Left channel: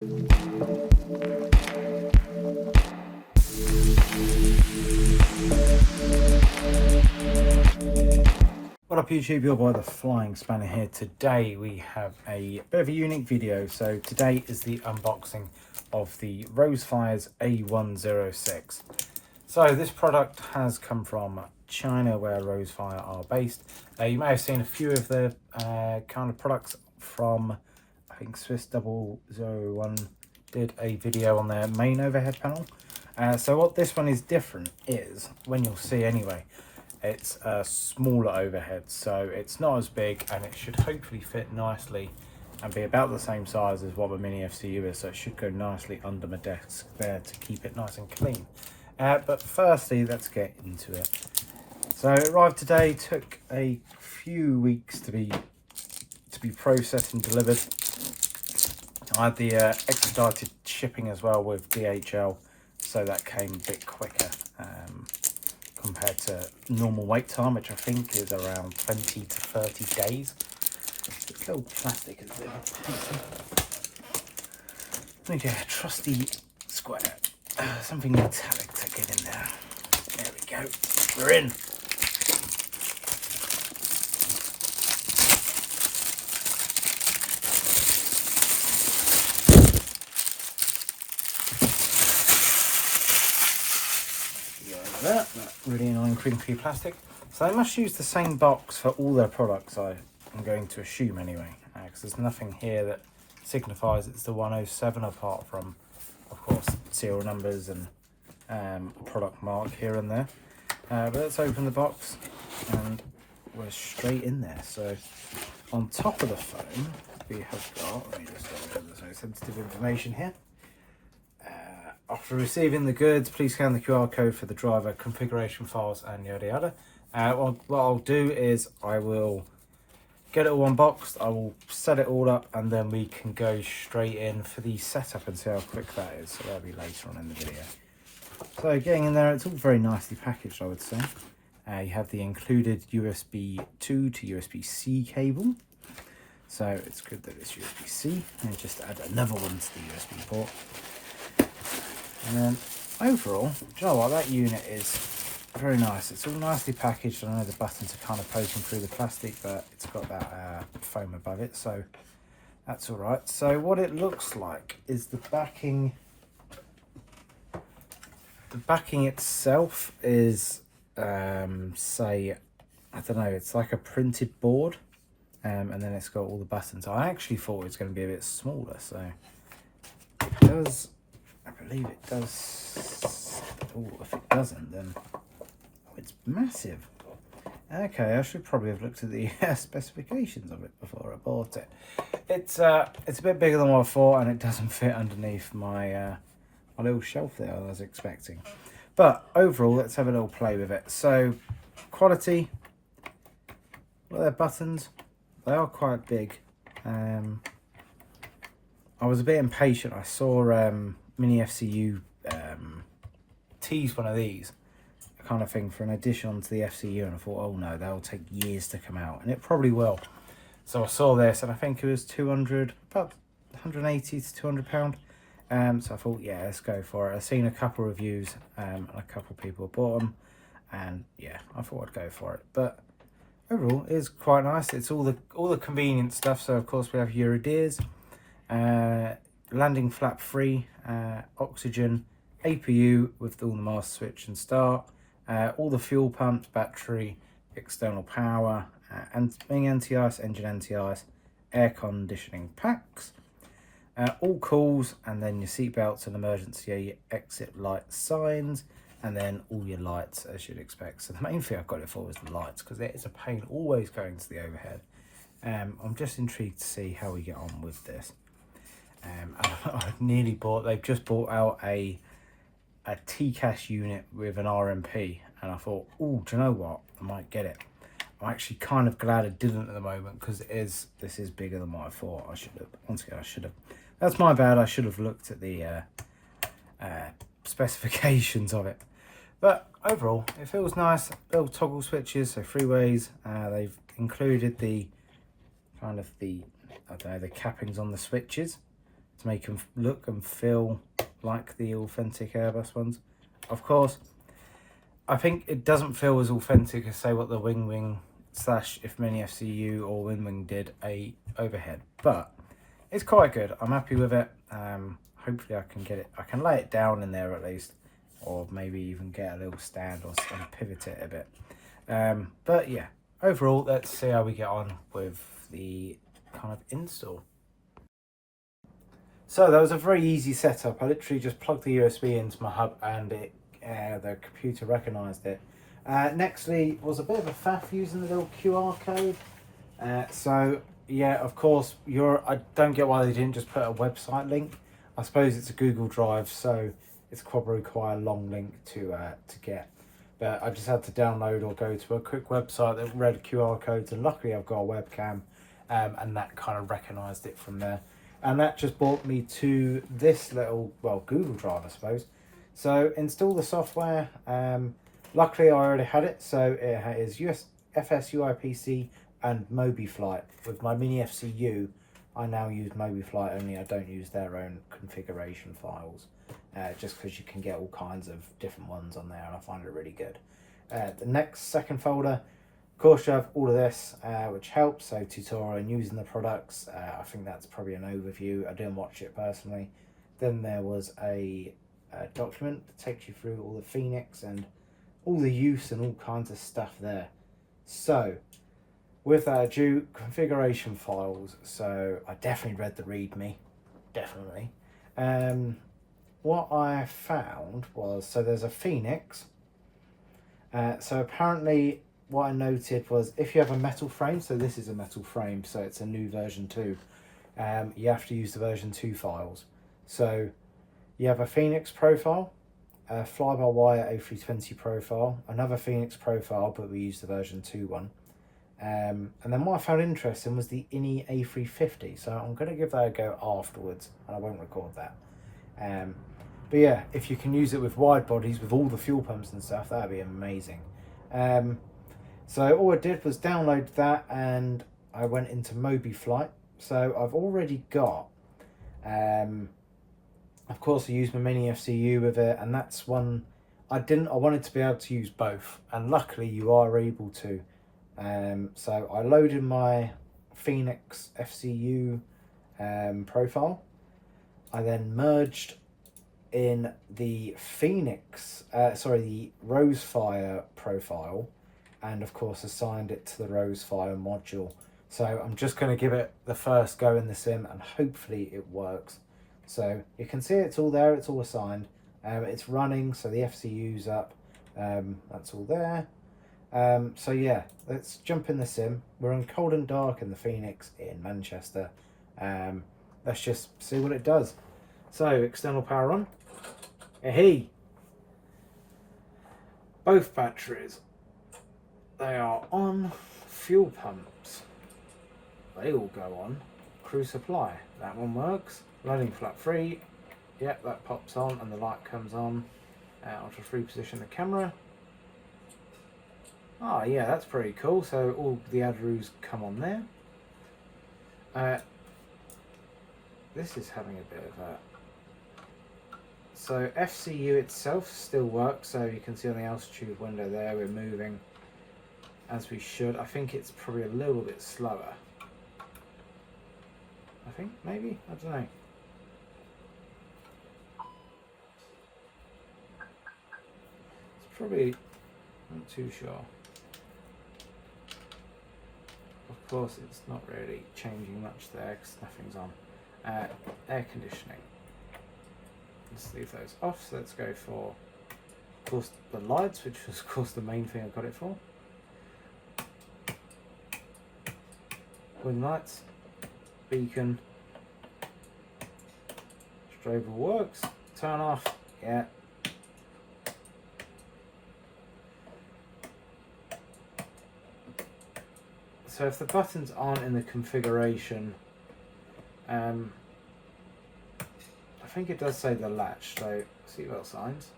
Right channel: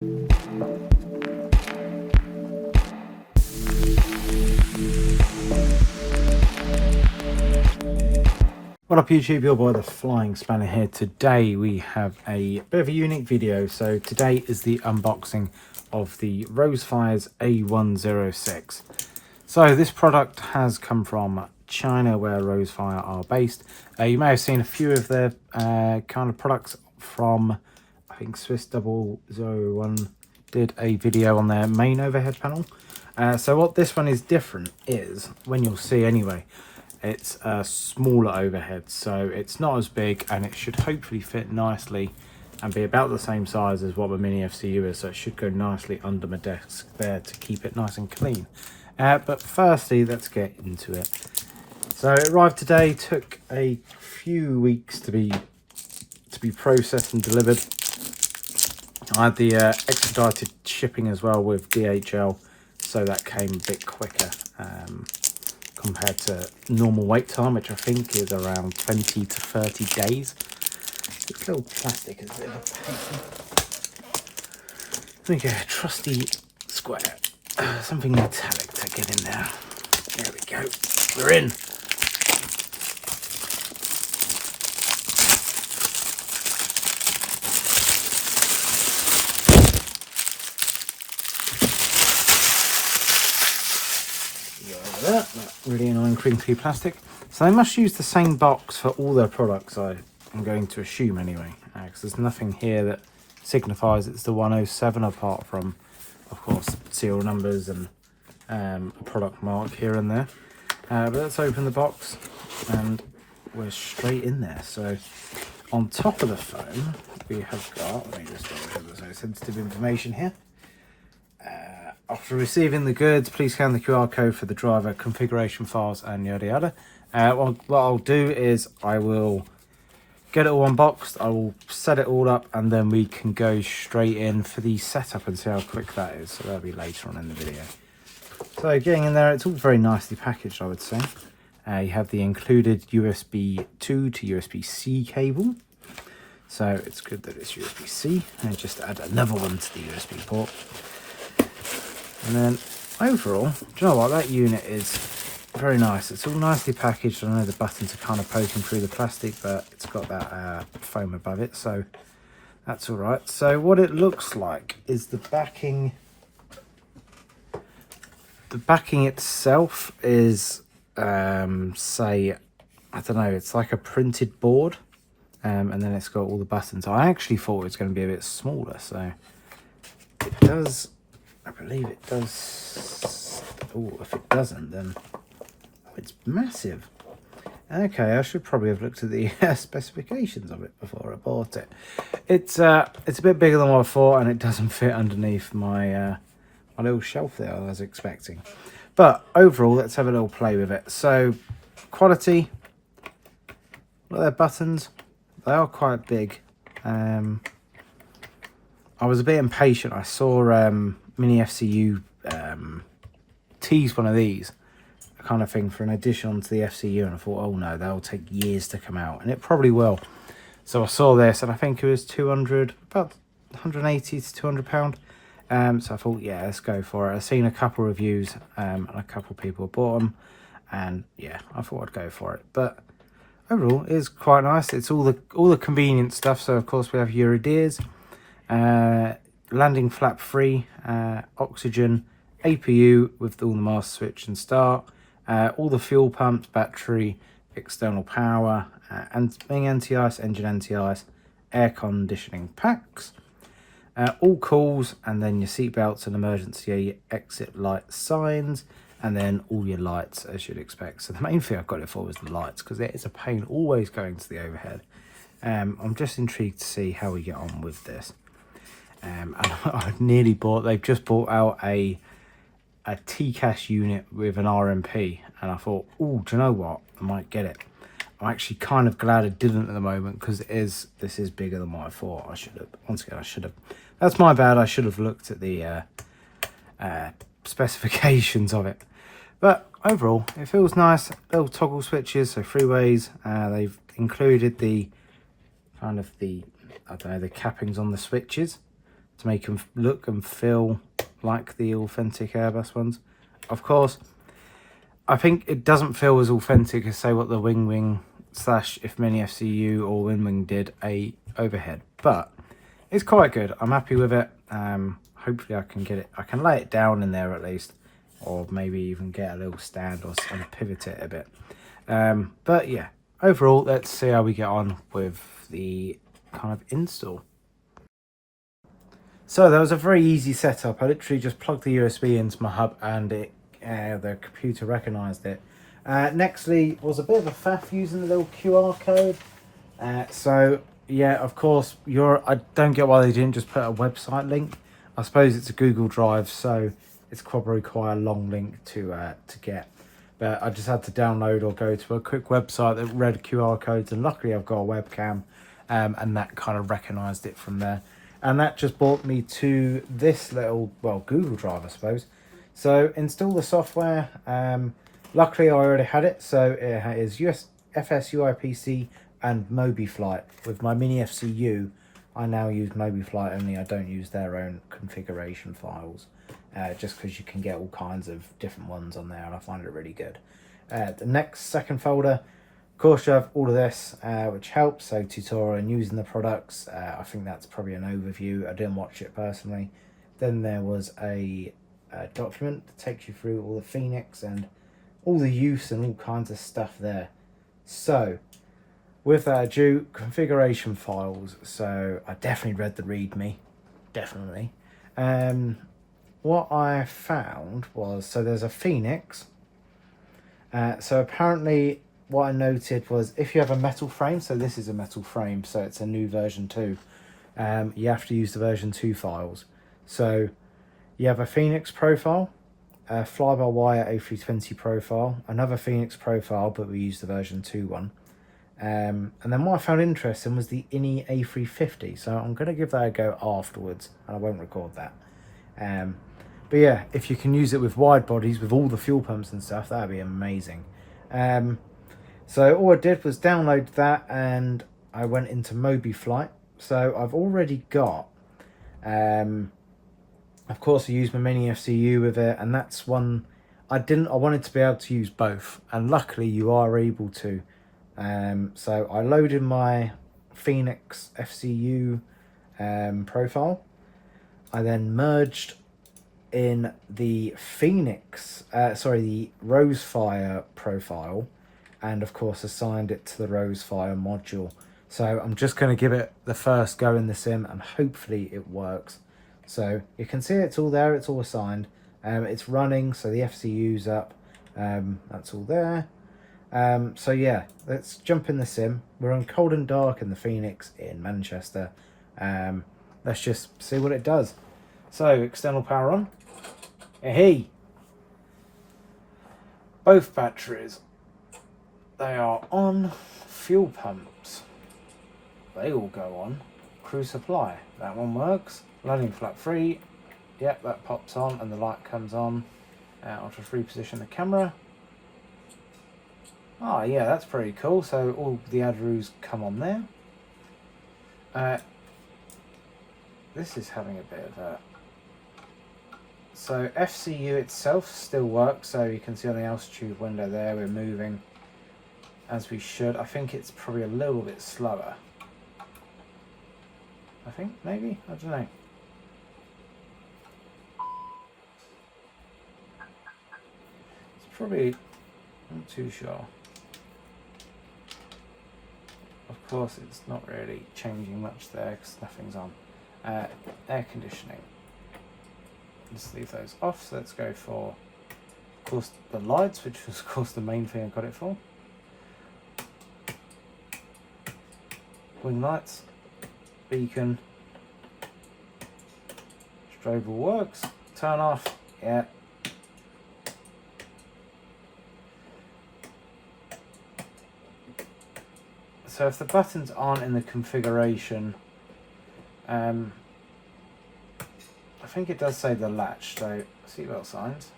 What up YouTube, you're by the Flying Spanner here. Today we have a bit of a unique video. So today is the unboxing of the Rowsfire's A106. So this product has come from China, where Rowsfire are based. You may have seen a few of their kind of products from, I think Msfs 001 did a video on their main overhead panel. So what this one is different is, when you'll see anyway, it's a smaller overhead, so it's not as big, and it should hopefully fit nicely and be about the same size as what the mini FCU is, so it should go nicely under my desk there to keep it nice and clean. But firstly, let's get into it. So it arrived today, took a few weeks to be processed and delivered. I had the expedited shipping as well with DHL, so that came a bit quicker compared to normal wait time, which I think is around 20 to 30 days. This little plastic is a bit of a pain. Let me get a trusty square, something metallic to get in there. There we go, we're in. That really annoying crinkly plastic. So they must use the same box for all their products, I'm going to assume anyway, because there's nothing here that signifies it's the 107 apart from, of course, serial numbers and a product mark here and there. But let's open the box and we're straight in there. So on top of the phone we have got, let me just go over some sensitive information here. After receiving the goods, please scan the QR code for the driver configuration files and yada yada. What I'll do is I will get it all unboxed, I will set it all up, and then we can go straight in for the setup and see how quick that is. So that'll be later on in the video. So getting in there, it's all very nicely packaged, I would say. You have the included USB 2 to USB-C cable. So it's good that it's USB-C, and just add another one to the USB port. And then overall, do you know what, that unit is very nice. It's all nicely packaged. I know the buttons are kind of poking through the plastic, but it's got that foam above it, so that's all right. So what it looks like is the backing. The backing itself is, say, I don't know, it's like a printed board, and then it's got all the buttons. I actually thought it was going to be a bit smaller, so it does. I believe it does. Oh, if it doesn't, then it's massive. Okay, I should probably have looked at the specifications of it before I bought it. It's a bit bigger than what I thought, and it doesn't fit underneath my my little shelf there I was expecting. But overall, let's have a little play with it. So, quality. Look at their buttons. They are quite big. I was a bit impatient. I saw mini FCU tease one of these kind of thing for an addition onto the FCU, and I thought, oh no, they'll take years to come out, and it probably will. So I saw this, and I think it was 200, about 180 to 200 £. So I thought, yeah, let's go for it. I've seen a couple reviews, and a couple of people bought them, and yeah, I thought I'd go for it. But overall, it's quite nice. It's all the convenient stuff. So of course we have your adheres, landing flap free, oxygen, APU with all the master switch and start, all the fuel pumps, battery, external power, wing anti-ice, engine anti-ice, air conditioning packs, all calls, and then your seat belts and emergency exit light signs, and then all your lights as you'd expect. So the main thing I've got it for was the lights, because it is a pain always going to the overhead. I'm just intrigued to see how we get on with this. And I've nearly bought, they've just bought out a TCAS unit with an RMP, and I thought, oh, do you know what, I might get it. I'm actually kind of glad I didn't at the moment, because this is bigger than what I thought. I should have, once again, I should have, that's my bad, I should have looked at the specifications of it. But overall, it feels nice. Little toggle switches, so freeways. They've included the kind of the, I don't know, the cappings on the switches. to make them look and feel like the authentic Airbus ones. Of course, I think it doesn't feel as authentic as, say, what the Wing slash if Mini FCU or Wing did a overhead, but it's quite good. I'm happy with it. Hopefully I can get it, I can lay it down in there at least, or maybe even get a little stand or pivot it a bit. But yeah, overall, let's see how we get on with the kind of install. So there was a very easy setup. I literally just plugged the USB into my hub and it the computer recognized it. Nextly was a bit of a faff using the little QR code. So yeah, of course, I don't get why they didn't just put a website link. I suppose it's a Google Drive, so it's probably quite a long link to get. But I just had to download or go to a quick website that read QR codes, and luckily I've got a webcam, and that kind of recognised it from there. And that just brought me to this little, well, Google Drive, I suppose. So install the software. Luckily I already had it, so it is USFS UIPC and MobiFlight. With my Mini FCU, I now use MobiFlight only. I don't use their own configuration files, just because you can get all kinds of different ones on there, and I find it really good. The second folder, of course, you have all of this, which helps. So tutorial and using the products. I think that's probably an overview. I didn't watch it personally. Then there was a document that takes you through all the Phoenix and all the use and all kinds of stuff there. So with that ado, configuration files. So I definitely read the README, definitely. What I found was, so there's a Phoenix. So apparently what I noted was if you have a metal frame, so this is a metal frame, so it's a new version 2, you have to use the version 2 files. So you have a Phoenix profile, a fly-by-wire A320 profile, another Phoenix profile, but we use the version 2 one. And then what I found interesting was the INI A350, so I'm going to give that a go afterwards. I won't record that. But yeah, if you can use it with wide bodies with all the fuel pumps and stuff, that'd be amazing. So all I did was download that and I went into MobiFlight. So I've already got, of course I used my Mini FCU with it, and that's one I wanted to be able to use both, and luckily you are able to. So I loaded my Phoenix FCU profile. I then merged in the the Rowsfire profile, and of course assigned it to the Rowsfire module. So I'm just going to give it the first go in the sim and hopefully it works. So you can see it's all there, it's all assigned. It's running, so the FCU's up, that's all there. So yeah, let's jump in the sim. We're on cold and dark in the Phoenix in Manchester. Let's just see what it does. So external power on. Hey, both batteries, they are on. Fuel pumps, they all go on. Crew supply, that one works. Landing flap free, yep, that pops on and the light comes on. I'll just reposition the camera. Oh yeah, that's pretty cool. So all the ADRUs come on there. This is having a bit of a... So FCU itself still works, so you can see on the altitude window there we're moving as we should. I think it's probably a little bit slower. I think, maybe? I don't know. It's probably... not too sure. Of course it's not really changing much there because nothing's on. Air conditioning. Let's leave those off, so let's go for, of course, the lights, which was of course the main thing I got it for. Wing lights, beacon, strobe all works, turn off, yeah. So if the buttons aren't in the configuration, I think it does say the latch, so seatbelt signs.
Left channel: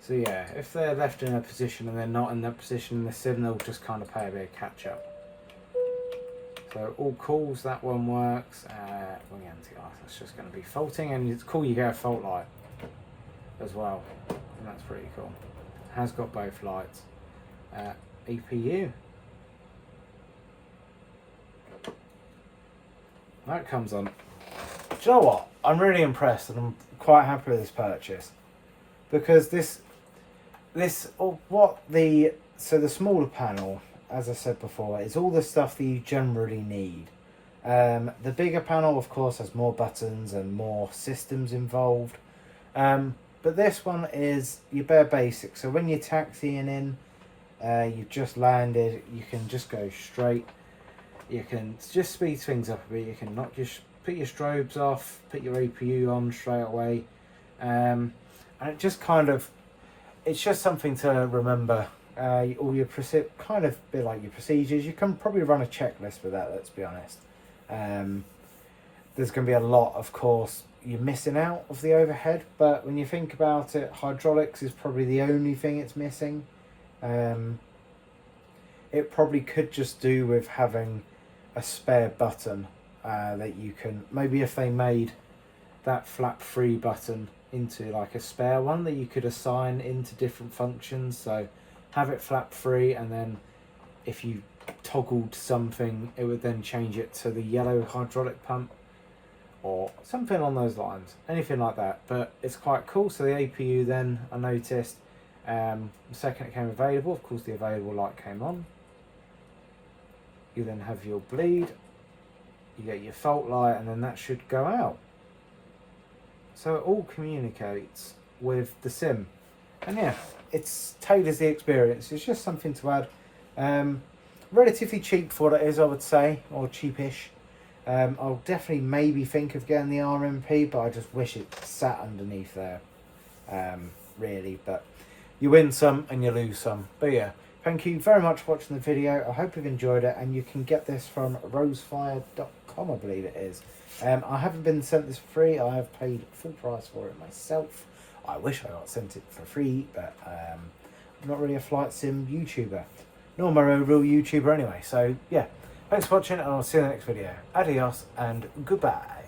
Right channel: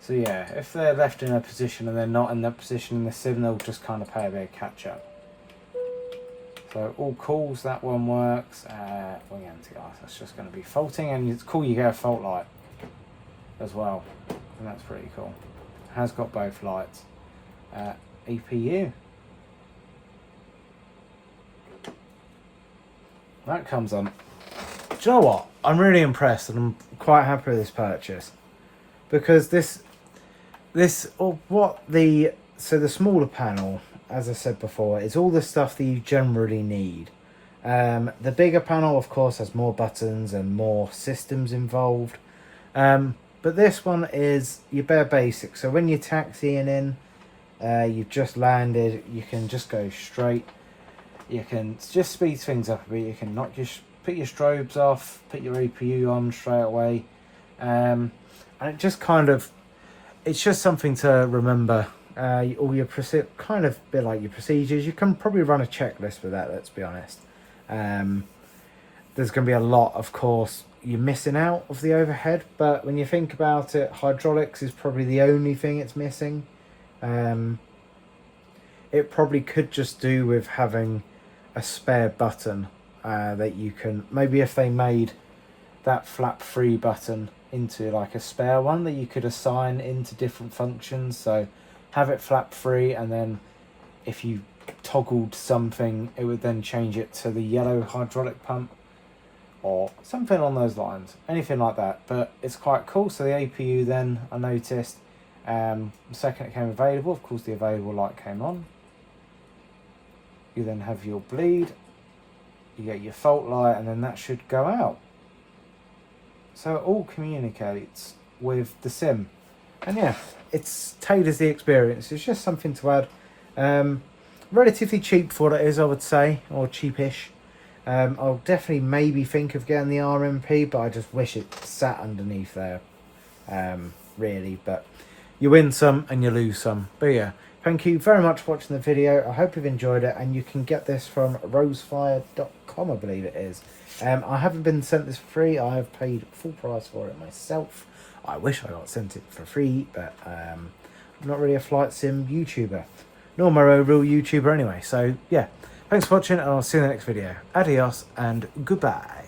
So yeah, if they're left in a position and they're not in that position in the sim, they'll just kind of pay a bit of catch up. So all calls, that one works. Wing anti-ice, that's just going to be faulting, and it's cool you get a fault light as well, and that's pretty cool. Has got both lights. EPU. That comes on. Do you know what? I'm really impressed, and I'm quite happy with this purchase, because so the smaller panel, as I said before, is all the stuff that you generally need. The bigger panel, of course, has more buttons and more systems involved. But this one is your bare basics. So when you're taxiing in, you've just landed, you can just go straight. You can just speed things up a bit. You can not just put your strobes off, put your APU on straight away. And it just it's just something to remember. All your kind of bit like your procedures. You can probably run a checklist with that, let's be honest. There's going to be a lot, of course, you're missing out of the overhead, but when you think about it, hydraulics is probably the only thing it's missing. It probably could just do with having a spare button that you can, maybe if they made that flap free button into like a spare one that you could assign into different functions. So have it flap free, and then if you toggled something, it would then change it to the yellow hydraulic pump or something along those lines, anything like that. But it's quite cool. So the APU then, I noticed, the second it came available, of course the available light came on. You then have your bleed, you get your fault light, and then that should go out. So it all communicates with the sim, and yeah, it's tailors the experience. It's just something to add. Relatively cheap for what it is, I would say, or cheapish. I'll definitely maybe think of getting the RMP, but I just wish it sat underneath there, really. But you win some and you lose some. But yeah, thank you very much for watching the video. I hope you've enjoyed it, and you can get this from rowsfire.com, I believe it is. I haven't been sent this for free. I have paid full price for it myself. I wish I got sent it for free, but I'm not really a flight sim YouTuber, nor my own real YouTuber anyway. So yeah, thanks for watching, and I'll see you in the next video. Adios and goodbye.